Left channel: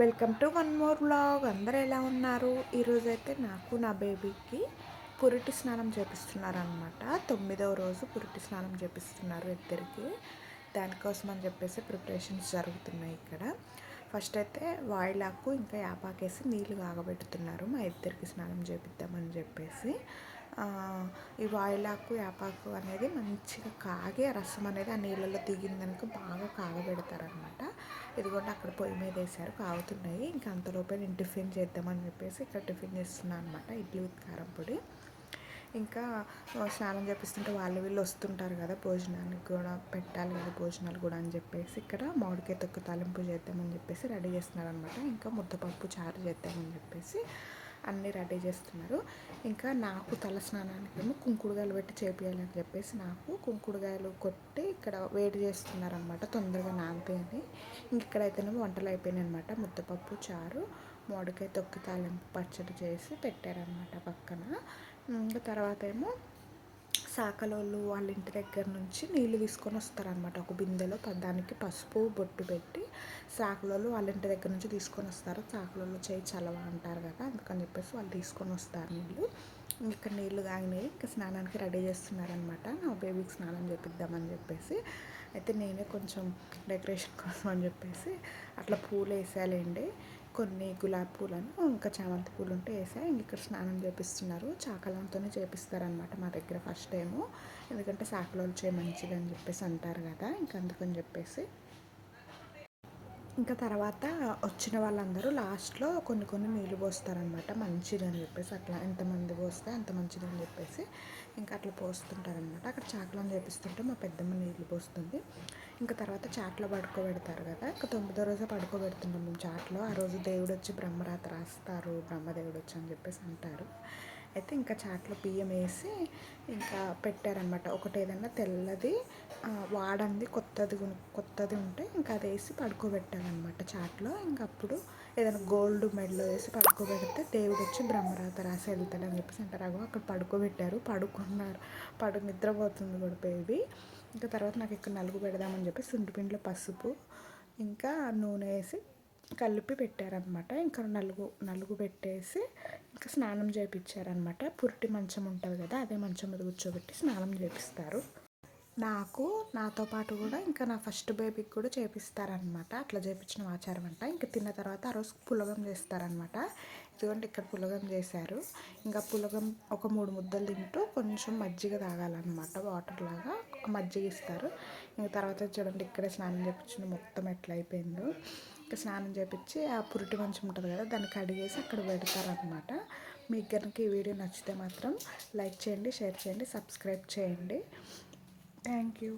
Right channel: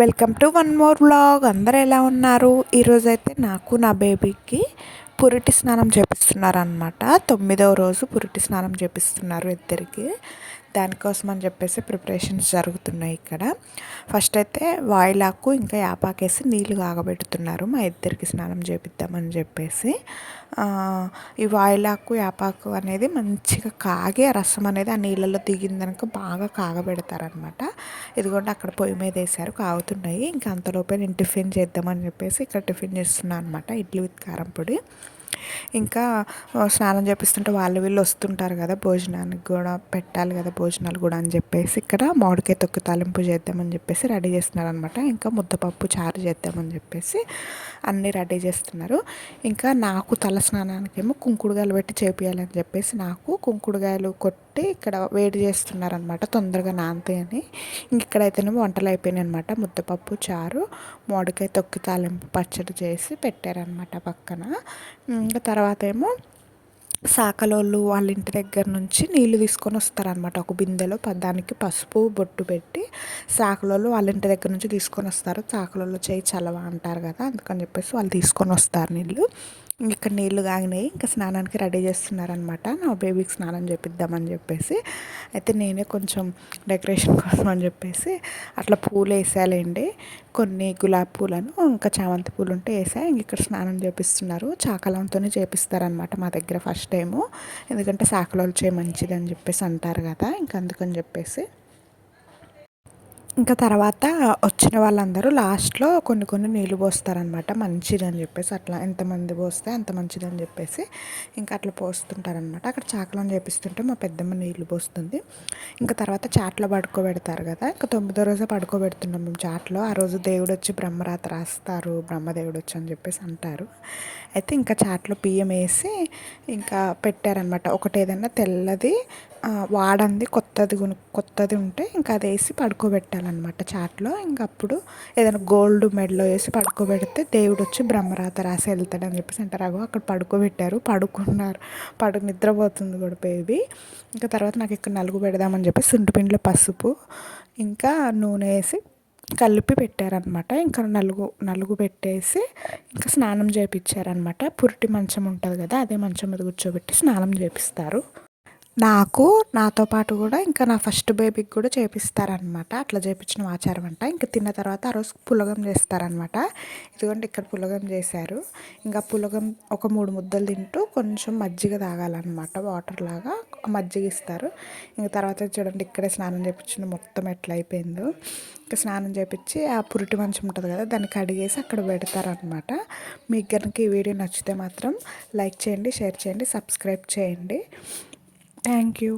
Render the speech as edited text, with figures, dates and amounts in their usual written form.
Welcome to one more vlog. అందరూ ఎలా ఉన్నారు? ఈరోజైతే నాకు నా బేబీకి పురిటి స్నానం చేపిస్తున్నారనమాట. 9వ రోజు పురిటి స్నానం చేపిస్తున్నారు ఇద్దరికి. దానికోసం అని చెప్పేసి ప్రిపరేషన్స్ జరుగుతున్నాయి ఇక్కడ. ఫస్ట్ అయితే వాయిలాకు ఇంకా యాపాకేసి నీళ్ళు కాగబెడుతున్నారు మా ఇద్దరికి స్నానం చేపిద్దామని చెప్పేసి. ఈ వాయిలాకు యాపాకు అనేది మంచిగా కాగి ఆ రసం అనేది ఆ నీళ్ళలో దిగిందనుక బాగా కాగబెడతారనమాట. ఇదిగోండి అక్కడ పొయ్యి మీద వేసారు, కాగుతున్నాయి. ఇంకా అంతలోపే నేను టిఫిన్ చేద్దామని చెప్పేసి ఇక్కడ టిఫిన్ చేస్తున్నాను అనమాట. ఇడ్లీ విత్ కారం పొడి. ఇంకా స్నానం చేపిస్తుంటే వాళ్ళు వీళ్ళు వస్తుంటారు కదా, భోజనానికి కూడా పెట్టాలి కదా, భోజనాలు కూడా అని చెప్పేసి ఇక్కడ మామిడికాయ తొక్కు తాలింపు చేద్దామని చెప్పేసి రెడీ చేస్తున్నారు అనమాట. ఇంకా ముద్దపప్పు చారు చేద్దామని చెప్పేసి అన్నీ రెడీ చేస్తున్నారు. ఇంకా నాకు తల స్నానానికేమో కుంకుడుగాయలు పెట్టి చేపియాలని చెప్పేసి నాకు కుంకుడుగాయలు కొట్టి ఇక్కడ వేడి చేస్తున్నారనమాట, తొందరగా నానతాయని. ఇంక ఇక్కడైతేనేమో వంటలు అయిపోయినాయి అనమాట. ముద్దపప్పు చారు, మామిడికాయ తొక్కు తాలింపు పచ్చడి చేసి పెట్టారనమాట పక్కన. ఇంకా తర్వాత ఏమో సాకలోళ్ళు వాళ్ళ ఇంటి దగ్గర నుంచి నీళ్ళు తీసుకొని వస్తారనమాట. ఒక బిందెలో దానికి పసుపు బొట్టు పెట్టి సాకలోళ్ళు వాళ్ళ ఇంటి దగ్గర నుంచి తీసుకొని వస్తారు. సాకలోళ్ళు చేయి చలవ అంటారు కదా, అందుకని చెప్పేసి వాళ్ళు తీసుకొని వస్తారు నీళ్ళు. ఇక్కడ నీళ్ళు కాగినాయి, ఇంకా స్నానానికి రెడీ చేస్తున్నారనమాట. నా బేబీకి స్నానం చేపిద్దామని చెప్పేసి అయితే నేనే కొంచెం డెకరేషన్ కోసం అని చెప్పేసి అట్లా పూలు వేసాలండి. కొన్ని గులాబీ పూలను ఇంకా చామంతి పూలు ఉంటే వేసా. ఇక్కడ స్నానం చేపిస్తున్నారు, చాకలంతోనే చేపిస్తారనమాట మా దగ్గర ఫస్ట్ టైము. ఎందుకంటే సాకలోళ్ళు చేయి మంచిదని చెప్పేసి అంటారు కదా, ఇంకా అందుకని చెప్పేసి. ఇంకా తర్వాత వచ్చిన వాళ్ళందరూ లాస్ట్లో కొన్ని కొన్ని నీళ్ళు పోస్తారనమాట, మంచిదని చెప్పేసి. అట్లా ఎంతమంది పోస్తే అంత మంచిదని చెప్పేసి ఇంకా అట్లా పోస్తుంటారనమాట. అక్కడ చాకలం చేపిస్తుంటే మా పెద్దమ్మ నీళ్ళు పోస్తుంది. ఇంకా తర్వాత చాట్లో పడుకోబెడతారు కదా, ఇంకా 9వ రోజే పడుకోబెడుతున్నాం మేము చాట్లో. ఆ రోజు దేవుడు వచ్చి బ్రహ్మరాత రాస్తారు, బ్రహ్మదేవుడు వచ్చి అని చెప్పేసి అంటారు. అయితే ఇంకా చాట్లో బియ్యం వేసి ఇంకా పెట్టారనమాట. ఒకటి ఏదన్నా తెల్లది వాడంది కొత్తది ఉంటే ఇంకా అది వేసి పడుకోబెట్టాలన్నమాట చాట్లో. ఇంకా అప్పుడు ఏదైనా గోల్డ్ మెడలో వేసి పడుకోబెడితే దేవుడు వచ్చి బ్రహ్మరాత రాసి వెళ్తాడని చెప్పేసి అంటారు. అక్కడ పడుకోబెట్టారు, పడుకున్నారు, నిద్రపోతుంది కూడా బేబీ. ఇంకా తర్వాత నాకు ఇక్కడ నలుగు పెడదామని చెప్పి సుంటిపిండిలో పసుపు ఇంకా నూనె వేసి కలిపి పెట్టారనమాట. ఇంకా నలుగు పెట్టేసి ఇంకా స్నానం చేయించారనమాట. పురిటి మంచం ఉంటుంది కదా, అదే మంచం మీద కూర్చోబెట్టి స్నానం చేపిస్తారు. నాతో పాటు కూడా ఇంకా నా ఫస్ట్ బేబీకి కూడా చేపిస్తారనమాట. అట్లా చేయించిన ఆచారం అంట. ఇంకా తిన్న తర్వాత ఆ రోజు పులగం చేస్తారనమాట. ఇదిగోండి ఇక్కడ పులగం చేశారు. ఇంకా పులగం ఒక 3 ముద్దలు తింటూ కొంచెం మజ్జిగ తాగాలన్నమాట, వాటర్ లాగా మజ్జిగ ఇస్తారు. ఇంకా తర్వాత చూడండి ఇక్కడే స్నానం చేయించిన మొత్తం ఎట్లా అయిపోయిందో. ఇంకా స్నానం చేయించి ఆ పురిటి మంచం ఉంటుంది కదా, దాన్ని కడిగేసి అక్కడ పెడతారనమాట. మీకు కనుక ఈ వీడియో నచ్చితే మాత్రం లైక్ చేయండి, షేర్ చేయండి, సబ్స్క్రైబ్ చేయండి. Thank you.